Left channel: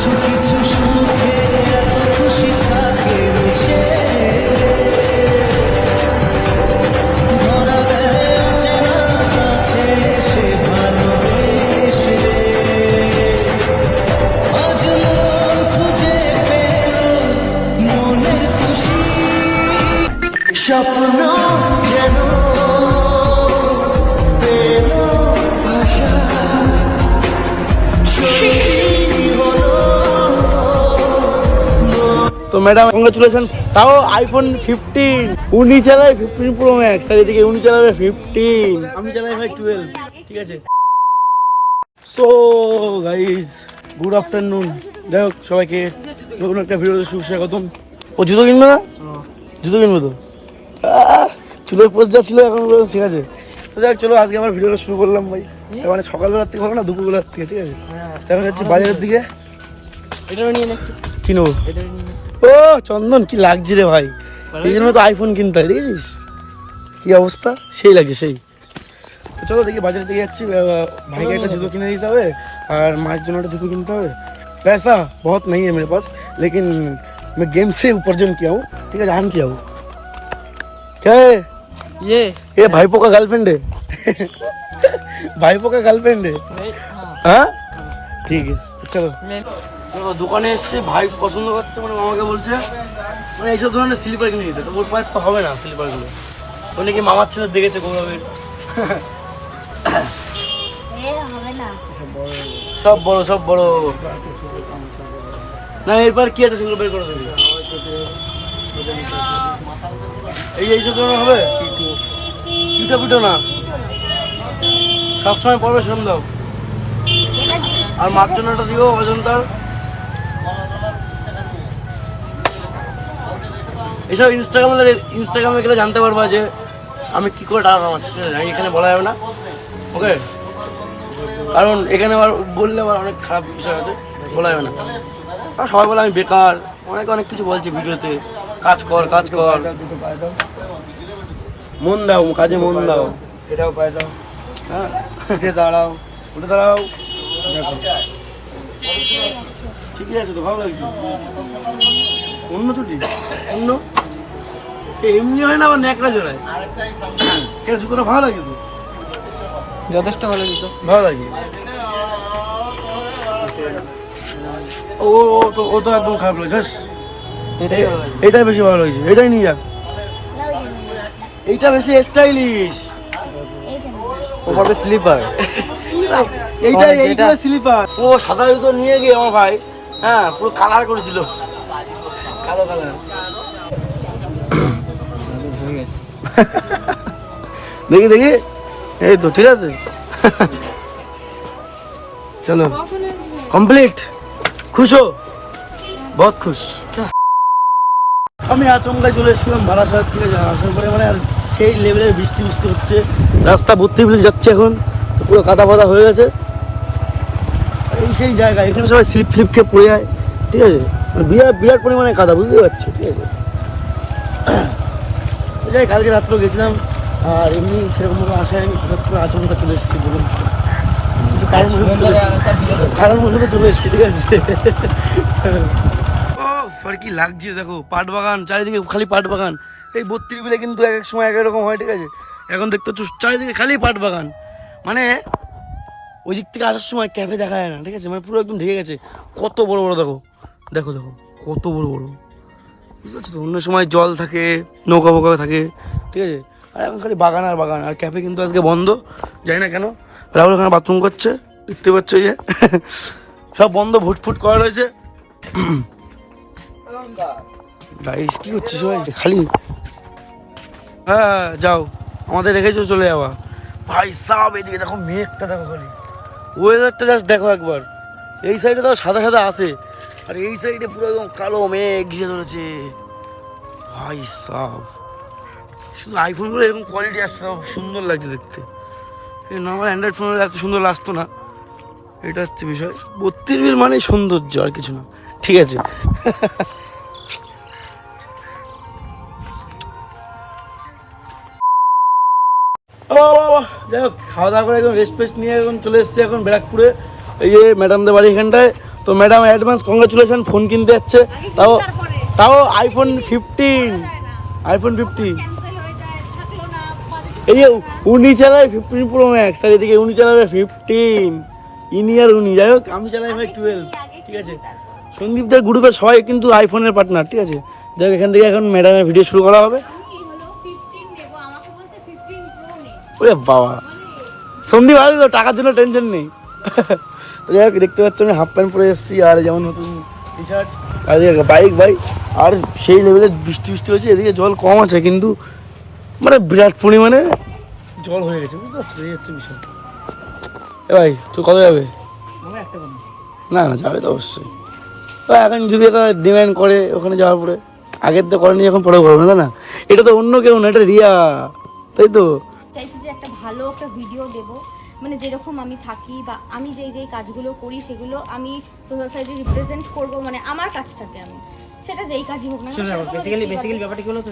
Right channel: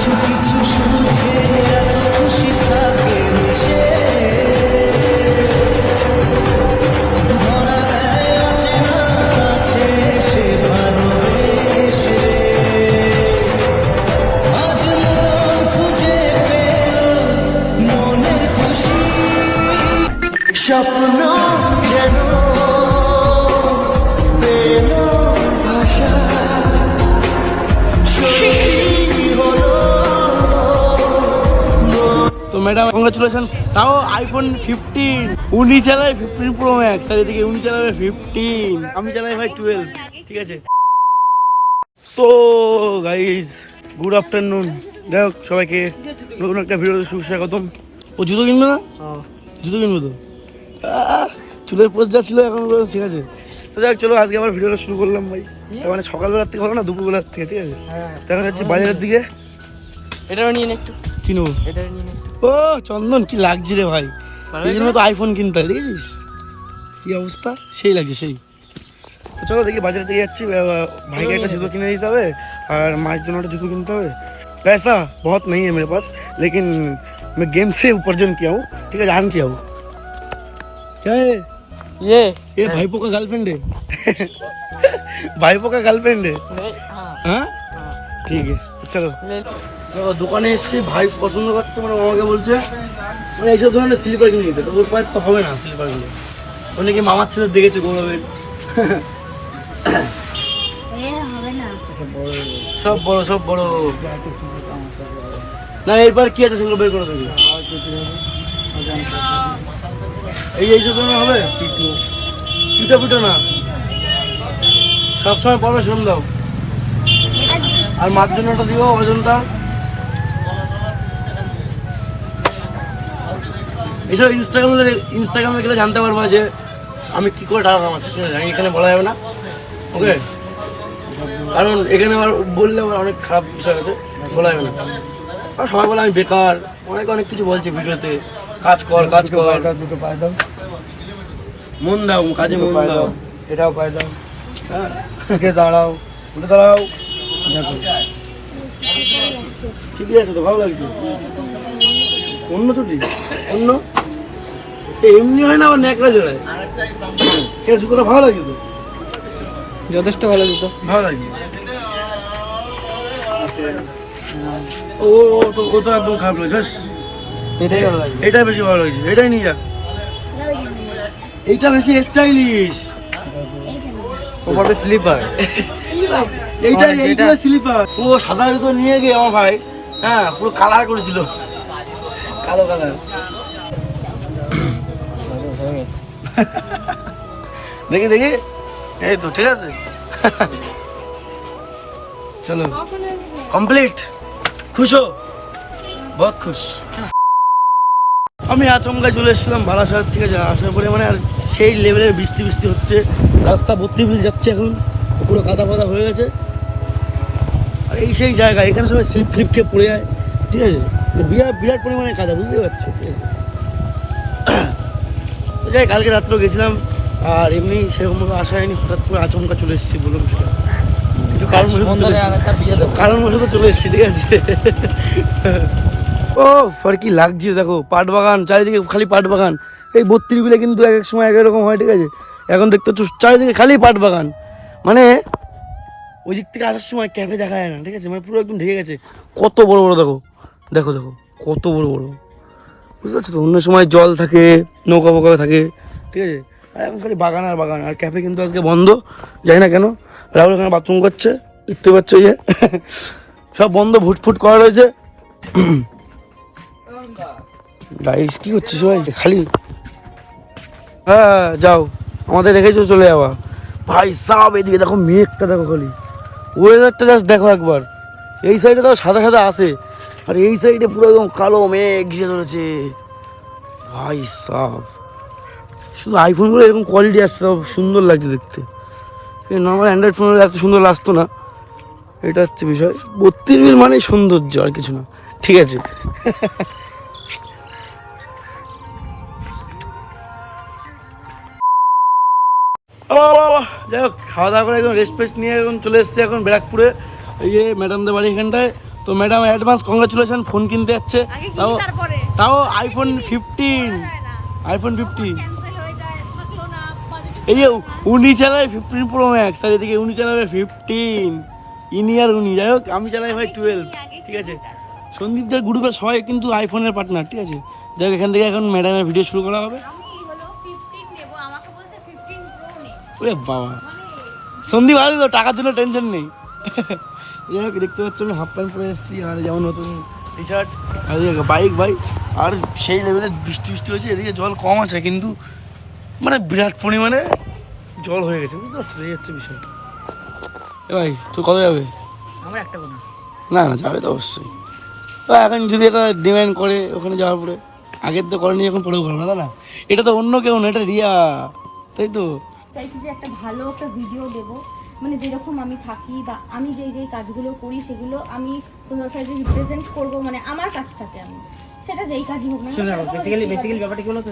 কিছু কিছু সুখে এত খুশি থাকে মিশে, ধরা দেয় অচেনা কাছে সে ভালোবেসে। আজ মন খুঁজে পেল মনের খুশি, স্বপ্ন যেন পেল ভাষা, তো ম্যাডাম কংগ্রাচুলেশন। তাও আইফোন 15 উনি চালায় 15 প্রো ম্যাক্স, আর এদিকে উনি চালাবে 15, আমি চালাই ভাই 12। ঠিক আছে, সো গাইস গুড আফটারনুন। যাই হোক সবাইকে নতুন একটা ভিডিওতে সুস্বাগতম। ও জুতো কিনবে না? জুতো কিনবে তো? চুলের পোস্ট যা ছিল এখন ঠিক আছে। তো যাই হোক চলো আজকে আমার ভিডিওটা শুরু করলাম ভাই। মানে সকালবেলার থেকে ভালো না, দুপুরবেলার থেকে। ঠিক আছে, এখন যাচ্ছি বাজারের দিকে। এটা নিয়ে নে একটু, কি নেবো? এটা নিয়ে নে। ও চন্দন কি লাগছে রে ভাই, এই জন্য তো আইফোন কিনতে হয়। দেখেছিস কি অবস্থা, সেই লাগছে সেই। তো চলো দেখি বাজারের দিকে যাচ্ছি, ভাইকে একটা জুতো কিনে দিতে হবে আর মায়ের জন্য একটা জুতো কিনতে হবে। पैसा बहुत नहीं है मेरे पास, लेकिन मैं गेम से उपार्जन किया हूँ। ठीक है, जान किया हूँ। क्या है ये भाईपो का गर्लफ्रेंड है? भाईपो का गर्लफ्रेंड है? हाँ ठीक है चलो। দেখো দোকানে এসছে, ভাই পছন্দ করছে, মানে মামাকে বলছে মানে এইসব ধরনের স্লিপার কিনে দিতে। তো ওর পায়ে তো হবে না স্লিপারগুলো, ও নাকি মামার ছেলে দেখেছে গৌরবের। সব বড় সব বড় না, এরপর কি আছে সেগুলো বের করে দেবে। এইসব ধরনের হবে, পিঠো পিঠো না, সবসময় পড়বে সেরকম দাও। আর মার জন্য একটা দিও অজন্তার। এইসব ইনস্টাগ্রামে গেলে জানতে পারবা যে আমি কি করে টাকা কামাচ্ছি। ঠিক আছে, আমি এখানে বলা যাবে না, ওকে? কারণ এখানে আবার বললে আবার অনেক খারাপ বিষয় আছে, বলা যাবে না। আর সবাই বলে আমি বেকার, অনেক কিছু বলছে ভিডিওতে, কাজ কর কাজ কর, মন দাও কাজে মন দাও, এটাও পাই দাও। হ্যাঁ উঠে দাঁড়াও, উঠে দাঁড়াও, দেখো ঠিকই আছে তো, ভালো লাগছে। অন্য ছুটি অন্য এমনি হয় না, আবার ন্যাকড়া জড়ায়। কেন জুতোটা ভালো লাগছে তো? যথেষ্ট ভালো জুতো, ভালো লাগছে। ও ও তো একদম খারাপ লাগছে, এটাই ভালো লাগে। এটাই বেশি ভালো লাগছে, এটাই নিয়ে যাক। এইটা বেশি স্টাইলিশ, ওপরে স্লিপার, এইটা স্লিপার। ও সাদা জুতো নিয়ে গিয়ে আমার ভাই, হ্যাঁ পুরো কালার করেছিল, কালো কালার। দেখি দেখি, এই তো ঠিক আছে। চলো কমপ্লিট, খুশ হো? বহুত খুশ। আমি আচমকায় চলে এসেছিলাম বারাসাত। ঠিক আছে, আসার পরে মানে আর সেই লেভেলের বৃষ্টি হচ্ছে, রাস্তা ভর্তি ব্রিজ যাচ্ছে, এখন পুরো কাদা ফাদা হয়ে গেছে। এই সেই জায়গা, এখানে সবাই স্লিপ খেয়ে পড়ে যায়। ঠিক আছে, মানে বিরাট পরিমাণে কাদা, বুঝতে পারছো? ঠিক আছে, যাই কালকে রাত্রেও গেছিলাম, আর এমনি সেরকমভাবে আসা হয়নি, হঠাৎ করে আচমকা চলে এসেছি, বলুন কিছু কারণ বসে চলে এসেছি। ঠিক আছে, ও আর কি লাগছে দেখো, পাট বাগান চারিদিকে, খালি পাট বাগান। এই 32 বিলে কিন্তু এক এক সময় এক রকম হয়। ঠিক আছে, এখন দেখতে হচ্ছে চারিদিকে খালি পাট বাগান, মানে ওই দিক থেকে আসার সময় ক্যাফে দেখা যায় না। ঠিক আছে, মানে পুরো একদম ঢেকে গেছে, কত বড় বড় দেখো দেখো দেখো কত বড় বড়, বুঝতে পারছো তো? অন্য সময় জল থাকে, নৌকা ফৌকা থাকে। ঠিক আছে, আর এখন খালি বাগান আর বাগান। আর ক্যাফে কিন্তু আজকে বন্ধ, জানি না কেন। রাহুল ওখানে বাথরুম করছে, দেখতে পাচ্ছ যে সব বন্ধ, ফুটফুট করা রয়েছে। গাইস কি করছিস সবাই খালি? হ্যাঁ যাও, আমাদের রেখেছো চলে যাওয়া। ভাই সাব এদিকে দেখো, মেঘটা দেখো, খালি ওয়েদারটা জাস্ট দেখো একবার। এই সাইডে তো সাদা সাদা আসে, আর এই সাইডে পুরো একদম কালো মেঘ ঘিরে ধরেছে। ভাই সাব, শুধু আইফোনগুলো এরকম কোয়ালিটি আসছে, সুন্দর লাগছে দেখতে। নর্মাল অ্যান্ড্রয়েড ফোনের এত সুন্দর লাগতো না, এটা হচ্ছে বিষয়। 32 বিল মানে সৌন্দর্য, আর কিছু না। ঠিক আছে, যাই হোক খাওয়া দাওয়া করে একদম রেস্ট ফেস্ট নিয়ে এখন চলে এসেছি এখন ব্যারাকপুরে। এই যে ম্যাডামদের বাড়ি এখানটায়, তো ম্যাডাম অ্যাডভান্স কংগ্রাচুলেশন, ফোন কিনতে যাচ্ছে, তাও তাও আইফোন 15, আইফোন 15। এই যে উনি চালায় 15 প্রো ম্যাক্স, আর এদিকে উনি চালাবে 15, ইনি আর উনি। যাই হোক আমি চালাই ভাই 12, ঠিক আছে। সন্দীপদের গ্রুপের সবাই কিন্তু আইফোনের পার্টনার, ঠিক আছে। যাই হোক এখান থেকে এখন ম্যাডামের ভিডিও শুরু করা হবে। ওরে বাবা, সন্দীপ আগে তো টাকার জন্য টেনশন নেই। যাই হোক দেখতে পাচ্ছি আমি হাফ প্যান্ট পরে এসেছি, আর যেমন নতুন টি শার্ট, আর বাইক ভাই, আর সেই লেভেলের বৃষ্টি হয়েছে। এদিকে জল কম আছে কিন্তু মানে বিরাট পরিমাণে জল হয়ে গেছে, বুঝতে পারছো, এই হচ্ছে বিষয়। এ ভাই তুই কবে যাবে? না না যাবে তো অবশ্যই। তো এখন যদি এটা ডিমান্ড করে ওখানে যাওয়ার পরে, আগের তো করেনি, এখন পরে করবে না। না এটা তো অন্য কেউ না, এটা রিয়া, তাই তো। চাইছি যে একটা ভালো একটা ভিডিও দেবো, মানে যেরকম আমি থাকি বা আমি যেই কাজগুলো করি সেগুলো আমি সোশ্যাল সাইডে রিপ্রেজেন্ট করবো, মানে আমার কাজটাতে আমি সেটা যেই কাজই হোক না। বেসিক্যালি ব্যাপারটা কি হলো তো,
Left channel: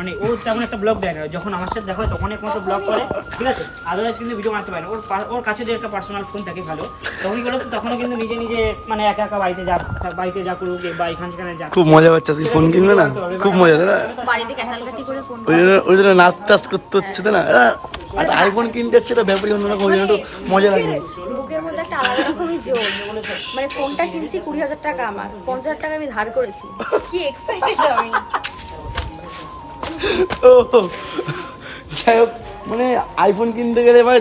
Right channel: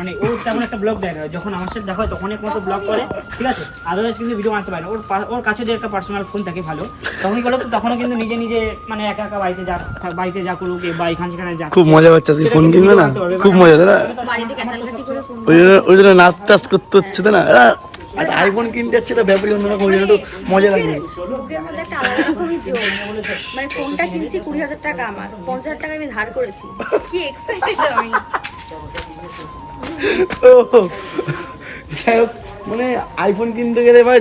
মানে ও তেমন একটা ব্লগ দেয় না, যখন আমার সাথে দেখা তখন একমাত্র ব্লগ করে, ঠিক আছে। আদারওয়াইজ কিন্তু ভিডিও বানাতে পারে না। ওর কাছে যে একটা পার্সোনাল ফোন থাকে ভালো, তখনই গেলো তো, তখন কিন্তু নিজে মানে একা একা বাড়িতে যা করুক বা এখানে সেখানে যা। খুব মজা পাচ্ছে আজকে, ফোন কিনবে না, খুব মজা তাই না? বাড়িতে ক্যাচালকাটি করে ফোন, ওই জন্য নাচ টাচ করতে হচ্ছে তাই না? আর আইফোন কিনতে যাচ্ছে, এটা ব্যাপারই অন্যরকম, ওই জন্য একটু মজা লাগবে। বুকের মধ্যে একটা আলাদা রকমের জোর, মানে ফোনটা কিনছি 20,000 টাকা, আমার 50,000 টাকা আমি ধার করেছি। কি এক্সাইটেড আমি। ও যাই হোক, মানে আইফোন কিনতে গেলে বা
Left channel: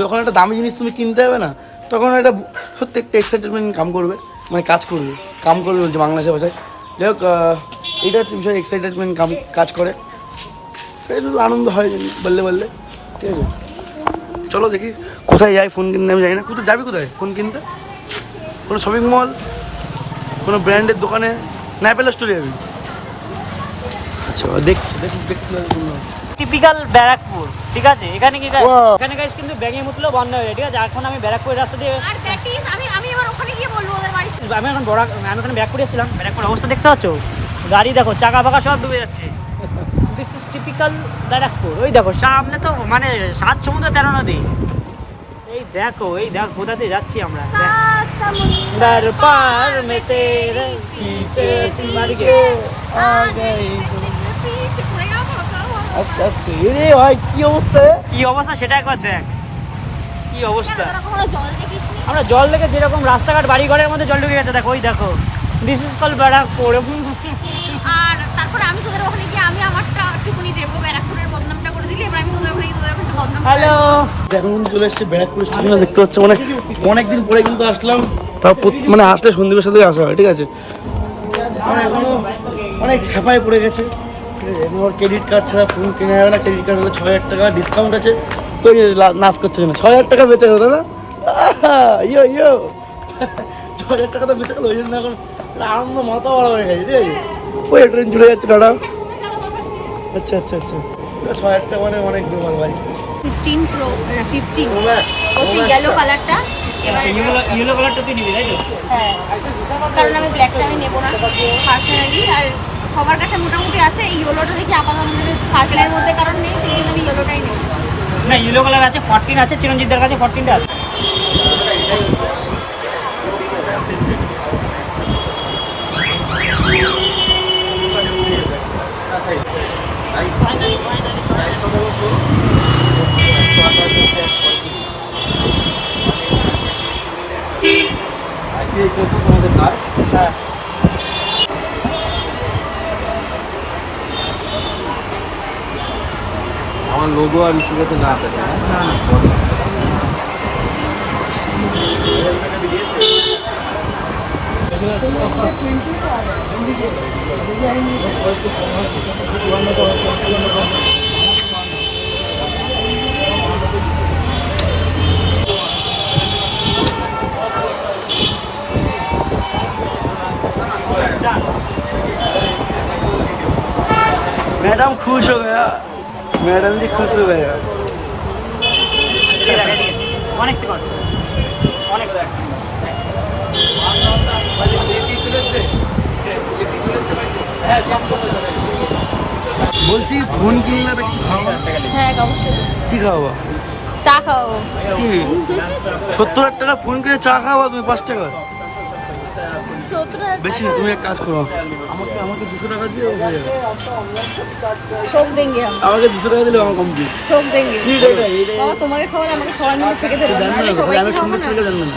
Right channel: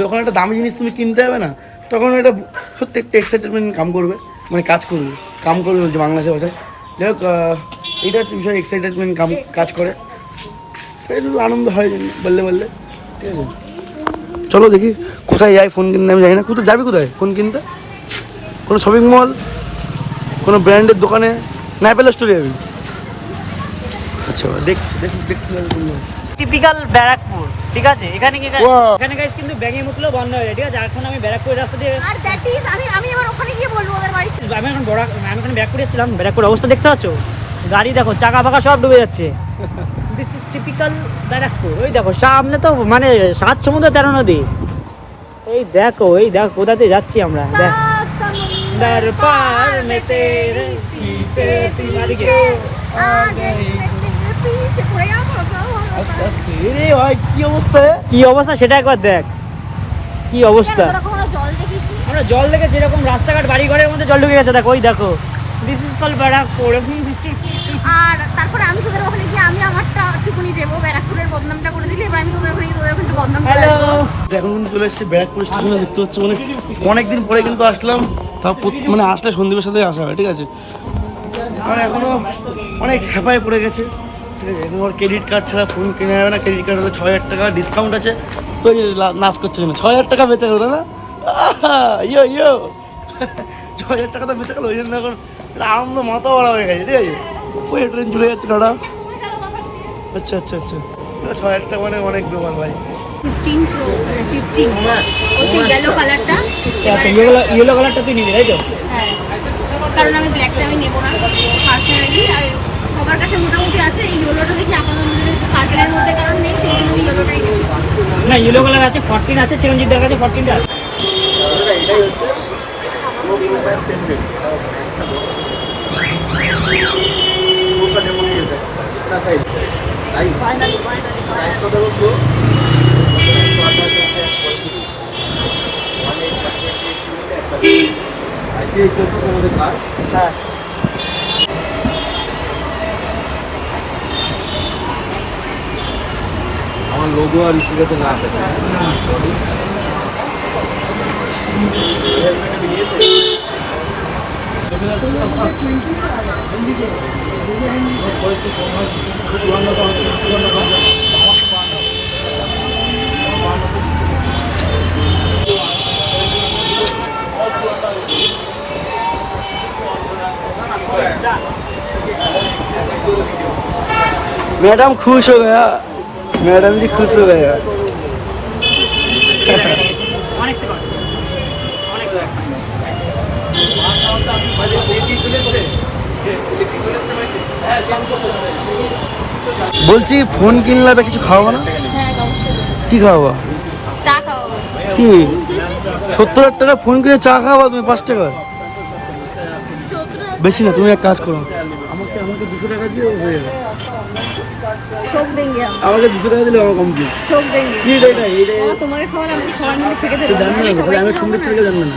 যখন একটা দামি জিনিস তুমি কিনতে হবে না, তখন এটা সত্যি একটা এক্সাইটেডমেন্ট কাজ করবে বলছে বাংলাদেশের ভাষায়। যাই হোক এটা একটা বিষয়, এক্সাইটেডমেন্ট কাজ করে, একটু আনন্দ হয় বললে, ঠিক আছে। চলো দেখি কোথায় যাই ফোন কিনতে, আমি জানি না। কোথায় যাবি, কোথায় ফোন কিনতে? কোনো শপিং মল, কোনো ব্র্যান্ডের দোকানে, না অ্যাপেল স্টোরে যাবি? আচ্ছা দেখছি। টিপিক্যাল ব্যারাকপুর, ঠিক আছে। এখানে গাইস কিন্তু ব্যাঙে মুতলো বন্ধ হয়ে যায়, ঠিক আছে। এখন আমি ব্যারাকপুর রাস্তা দিয়ে, আর দ্যাট ইজ আমি এবার ওখানে গিয়ে বলবো ওদের বাড়ি। আমি এখন ব্যারাকপুরে এসেছিলাম। ব্যারাকপুর অবস্থা দেখতে পাচ্ছ, গাড়ি দেখো, চাকা ফাঁকা সব ডুবে যাচ্ছে। This is typical Barrackpore. ওই দেখো সামনে তো মানে 7 সমুদ্র 13 নদী। এই দেখো কোথা দিয়ে যাচ্ছি আমরা, দেখ দর পার মে তেরে পিছে পিছে আগে পিছে পড়ে যাবো। কি অবস্থা সেটা একবার দেখ, কি অবস্থা। আমরা জল দেখে যেরকম রাস্তাঘাট বাড়ি ঘরের মধ্যে জল ঢুকে গেছে, দেখো ওই দেখো। This is call Barrackpore. আর তারপরে আমি তোদের ওখানে গিয়ে আমি আমারটা টুকুনি দেবো, ব্যারাকপুরের বদনামটা করে দিলি, এবার আমি তোদের ওখানে গিয়ে তোদের ওখানে বদনাম করে হ্যালো, এখন কিন্তু চলে এসেছি ব্যারাকপুর স্টেশনে, দেখতে পাচ্ছ। মানে অনেকদিন পরে কিন্তু আসলাম, তাও মানে আসলে সন্দীপের সাথেই আসা হয়, ঠিক আছে। মানে এখনো অনেক হেপায় পড়ে গেছে, ঠিক আছে। এখন ওর ক্রেডিট কার্ড ছাড়া ফোন কেনা যাবে না। ক্রেডিট কার্ড হলে 6,000 টাকা ডিসকাউন্ট আছে, তো নাচ করছে না। 6,000 টাকা বেঁচে গেলো না, ইয়ো 6,000 টাকা তো বেঁচে গেলো, ওই জন্য এখন আনন্দ মাথা বড় হয়ে গেছে, ঠিক আছে। ওই ট্রেন চলে যাচ্ছে টাটা। আচ্ছা 6,000 টাকা মানে অনেক ব্যাপার ভাই। 15 প্রো 15 হচ্ছে ইয়েলো কালারটা। আচ্ছা ইয়েলো কালারটা তুই নিবি, তাই তো? হ্যাঁ, কারণ আমি ব্ল্যাকটা আমি নেবো না পার্সোনালি, আর সবার কাছে মোটামুটি আছে। এই ইয়েলোটা দেখি আপাতত আমাদের সার্কেলের মধ্যে কারণ নেই, সেই জন্য আমি ইয়েলোটাই নেবো। না ইয়েলো কালার আছে, 14 আছে, চিরঞ্জিতদের কাছে 14টা আছে। আমার লোগো আর ইস্যুটা তো না থাকে। मैडम खुश हो गया, मैडम जी खुश हो गया। অনেক সেকেন্ড, অনেক সেকেন্ড। বলছি ফোন কিনলে তো কিছু খাওয়াবো না? হ্যাঁ অবশ্যই। কি খাওয়াবো? চা খাওয়াবো। কি 70,000 টাকা ফোন কিনে চা খাওয়াবো তুমি 5 টাকা? বেশি না, তুমি এক কাজ করো, আমাকে 200 টাকা দিয়ে হয়ে যাবে। ठोक देंगे हम, আমাকে 200 টাকা দিলে আমার কমপ্লিট। ठोक देंगे। কি এটা এটা বাবা, তোমাকে খাওয়ালে আমাকে খাওয়ার মধ্যে থেকে তো দেবো। জানবে না, তাহলে আমি সুন্দর ছেলেকে জানবে না।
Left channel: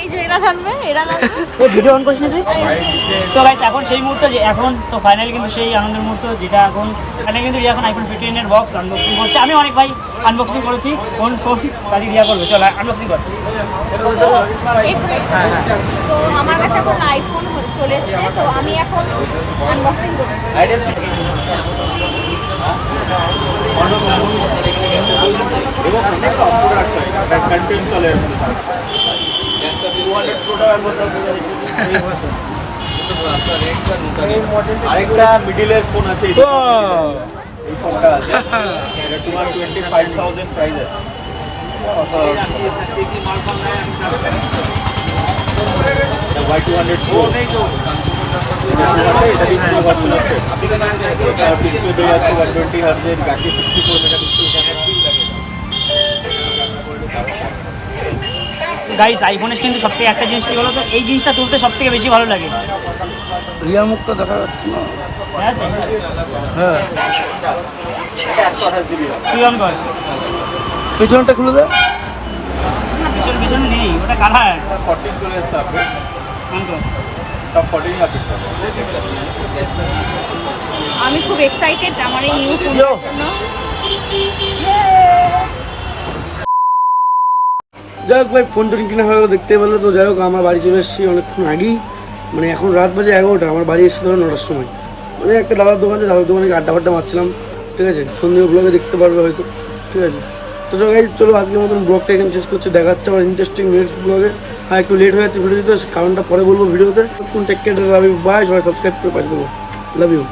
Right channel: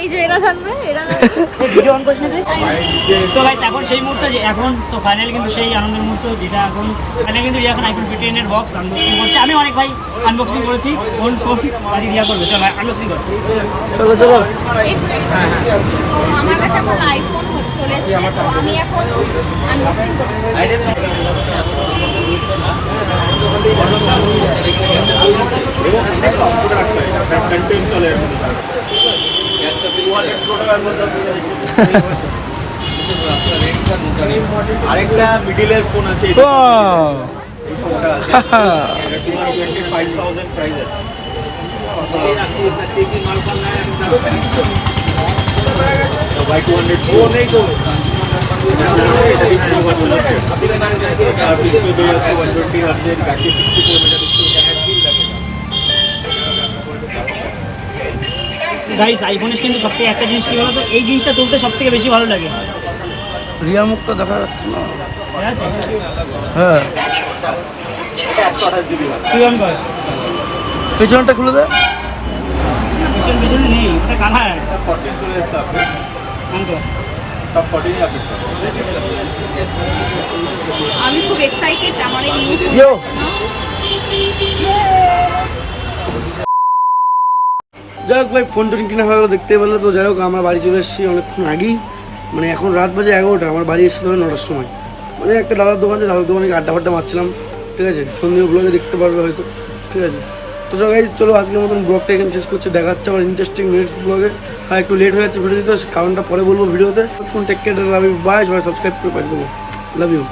এই যে এরা থাকবে, এরা থাকবে। ভিডিও অন করছিস তো গাইস, এখন সেই মুহূর্তে যে এখন তো ফাইনালি কিন্তু সেই আনন্দের মুহূর্ত যেটা এখন ফাইনালি কিন্তু এখন আইফোন 15 এর বক্স আনবক্সিং করছে। আমি অনেক ভাই আনবক্সিং করেছি, কোন ফোন বাড়ি গিয়া করবে, চল আনবক্সিং কর। তো আমার কাছে এখন আইফোন চলে এসেছে, তো আমি এখন আনবক্সিং করব। আরেকটা মিডিলের ফোন আছে, এই ফোনটা আছে, তোমার 25,000 প্রাইস আছে। ভাই 200 প্রো নেই তো, ডিসপ্লে দিয়ে যাচ্ছে 120 হার্টজের, ব্যাটারি 64 মেগাপিক্সেল। গাইস, আইফোনের কিন্তু সবথেকে একটা জিনিস কি বলতো, এই জিনিসটা তুলতে সবথেকে বেশি ভালো লাগে। ঠিক আছে, তুই অন কর। পিছনটা খুলে দে। পিছনে নেই, ওটা কালার। অন কর। আমি খুব এক্সাইটেড আমার এই নিউ ফোন। ইয়ো যাই হোক ভাই, ফোন টোন কিনা হয়ে গেলো, দেখতে পেলো তো। যাই হোক, আমার বাড়ি চলে এসেছি অনেকক্ষণ আগেই, মানে এখন রাত বাজে 11টা, আমার বাড়ি এসে ধরো 9টার সময়। মানে একটা দাদার দোকান আছে, দাদার দোকানে আড্ডা ফাড্ডা মারছিলাম, ঠিক আছে। সন্ধ্যে ব্লগে দেখতে পারবে হয়তো, ঠিক আছে। তো গাইজ চলো, আজকের মতন ব্লগটা এখানে শেষ করছি। দেখা যাচ্ছে আমার ইন্টারেস্টিং নেক্সট ব্লগে। হ্যাঁ, একটু লেট হয়ে যাচ্ছে ভিডিও দিতে, কারণটা পরে বলবো ভিডিওতে। Take care, love you, bye. সবাই সাবস্ক্রাইব করে পাঠিয়ে দেবো, লাভ ইউ।